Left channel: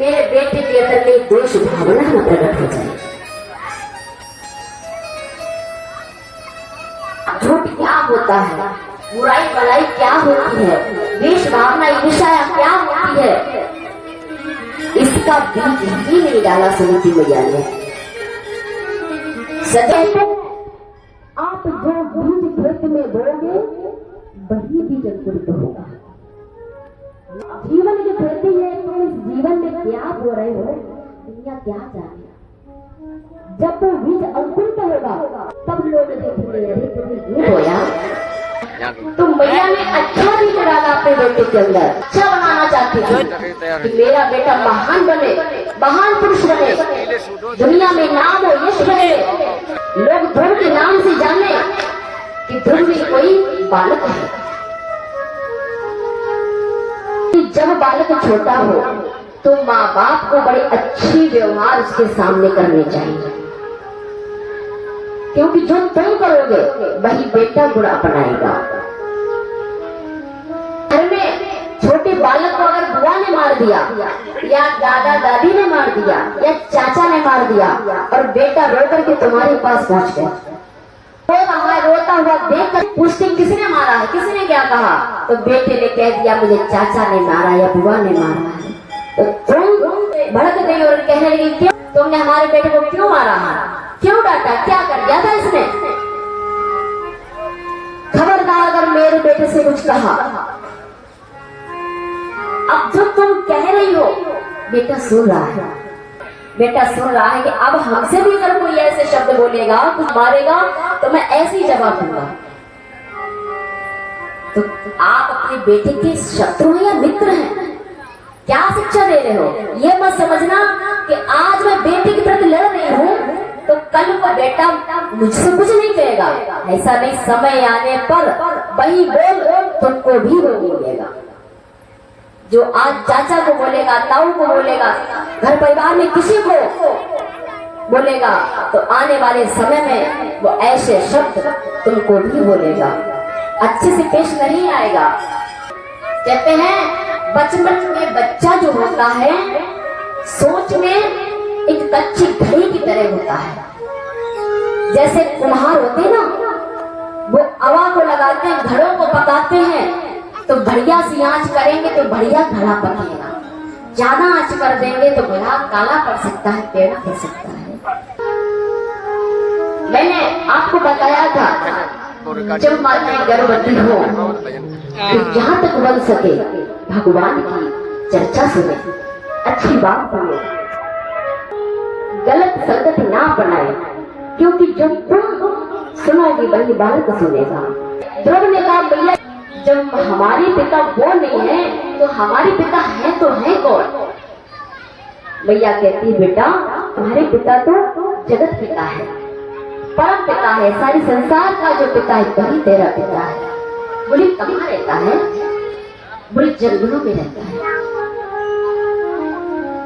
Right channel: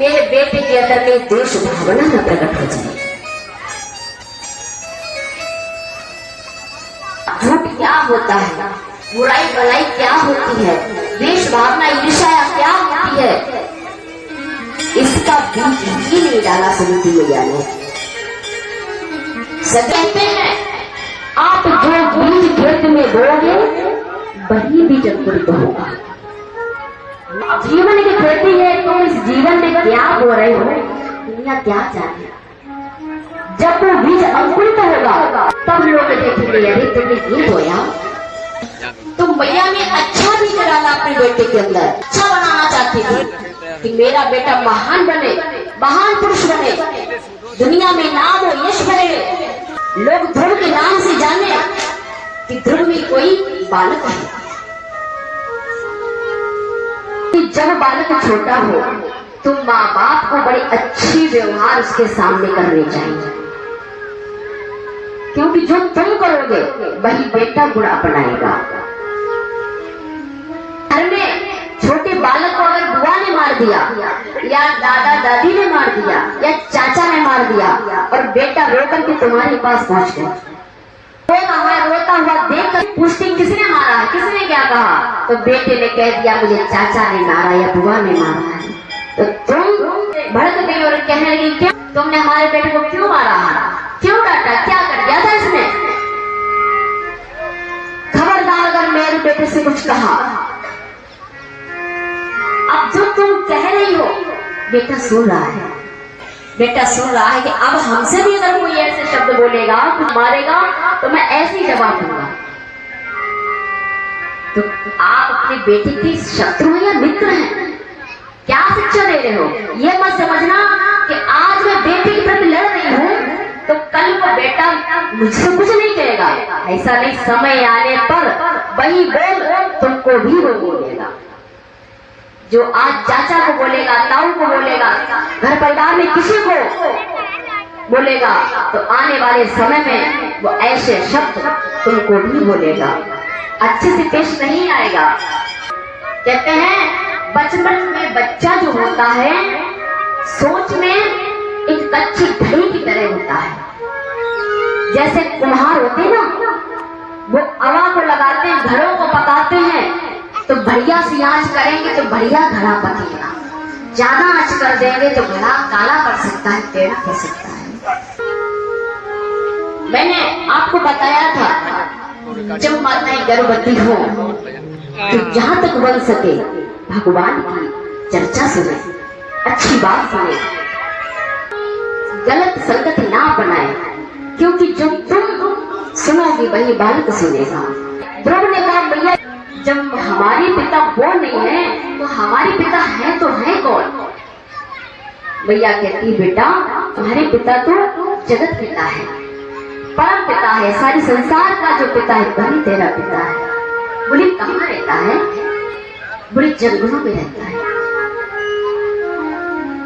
मेरे बेटे के अंदर में देश भावना न प्रकट हो जाए। झूठ क्या होता है, बुराई भलाई क्या होती है, देश भावना ईर्ष्या क्या होती है, इसका बीज ही नहीं डाला सुनीति मैया ने। कहते हैं आप जो बीज खेत में बोओगे वही बीज अंकुरित होगा। जीवन की खेती है, तुम इस जीवन में क्या बो रहे हो, दुनिया क्या जाने। जब वो बीज अंकुरित होगा तब लोग देखेंगे अरे तुमने ये बोया। तो मैया ने अच्छा भी डाला अपने बेटे के अंदर, अच्छा बनाना चाहती थी कि मेरा बेटा महान बने, महान पुरुष बने, दुनिया में नाम हो, यश बने, लोग ध्रुव के नाम से जाने कि ध्रुव में कोई बालक है। जब बालक छोटा हो तो माँ बाप को बड़े अच्छी व्यवहार उसके सामने करने चाहिए, क्योंकि जो तुम करोगे वही बेटा गुण अपनाएगा। घर में छोटे बालक को अगर बुआ ने मार दिया या दादा दादी ने मार दिया या चाचा ने मार दिया और बेटा रोकर के तुम्हारे पास पहुंच गया, रोता हुआ देख कर पूछती किसने मारा है, किसने क्या कहा, तो बेटे ने कह दिया मुझे चाचा ने मारा या बुआ ने मारा है। तो तुम भड़क गई और कहने लगी क्यों तुमने हमारे बेटे को क्यों मारा है, क्यों डांटा, क्या कर दिया था इसने। खबरदार अगर मेरे बेटे से कुछ कहा। अब जो तुम कह रही हो बेटा सुन रहा है, बेटा सुन रहा है कि अब हमसे भी अगर कोई ऐसे शब्द बोलेगा, कुछ मारेगा तो मैं ऐसे ही जवाब दूंगा। तो आप अपने बेटे के शत्रु हैं या मित्र हैं, क्या शिक्षा दे रहे हो। ये मत समझना कि आज मैं बेटे की प्रति लड़ रही हूँ तो कल वो बेटा मुझसे कुछ नहीं कहेगा, ऐसा नहीं। समय आने पर वही बोल तुमको भी वो बोलेगा। जो आज चाचा को बोलेगा, ताऊ को बोलेगा, घर परिवार में किसी को बोलेगा, तो आने वाले समय में वो ऐसे शब्द तुमको भी बोलेगा, अच्छे से पेश नहीं आएगा। कहते हैं बचपन में बच्चा जो होता है सोच में एक कच्ची घड़ी की तरह होता है। जैसे कुम्हार होते हैं ना, वो अवा को लगाते हैं, घड़ों को पकाते हैं, तो बढ़िया सी आंच करेंगे तो बढ़िया घड़ा पकेगा, ज्यादा आंच कर देंगे तो घड़ा काला पड़ सकता है, टेढ़ा पड़ सकता है। मैंने आपको बताया था जब माताएं गर्भवती हो तो जहां तक बन सके भगवान की चर्चा सुने, अच्छी बात सुने, गलत संगत ना बनाए, क्योंकि जो तुम सुनोगी वही बालक सुनेगा। ध्रुव ने कहा भैया जब हमारे पिता वो नहीं है तो हमारे पिता है तो है कौन। भैया कहती बेटा तुम्हारे पिता तो जगत पिता है, परम पिता है, सारी संसार का जो पिता है वही तेरा पिता है। बोली कहाँ रहता है, बोली जंगलों में रहता है।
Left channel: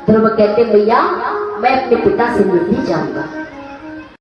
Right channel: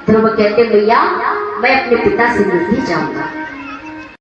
ध्रुव कहते भैया मैं अपने पिता से मिलने जाऊंगा।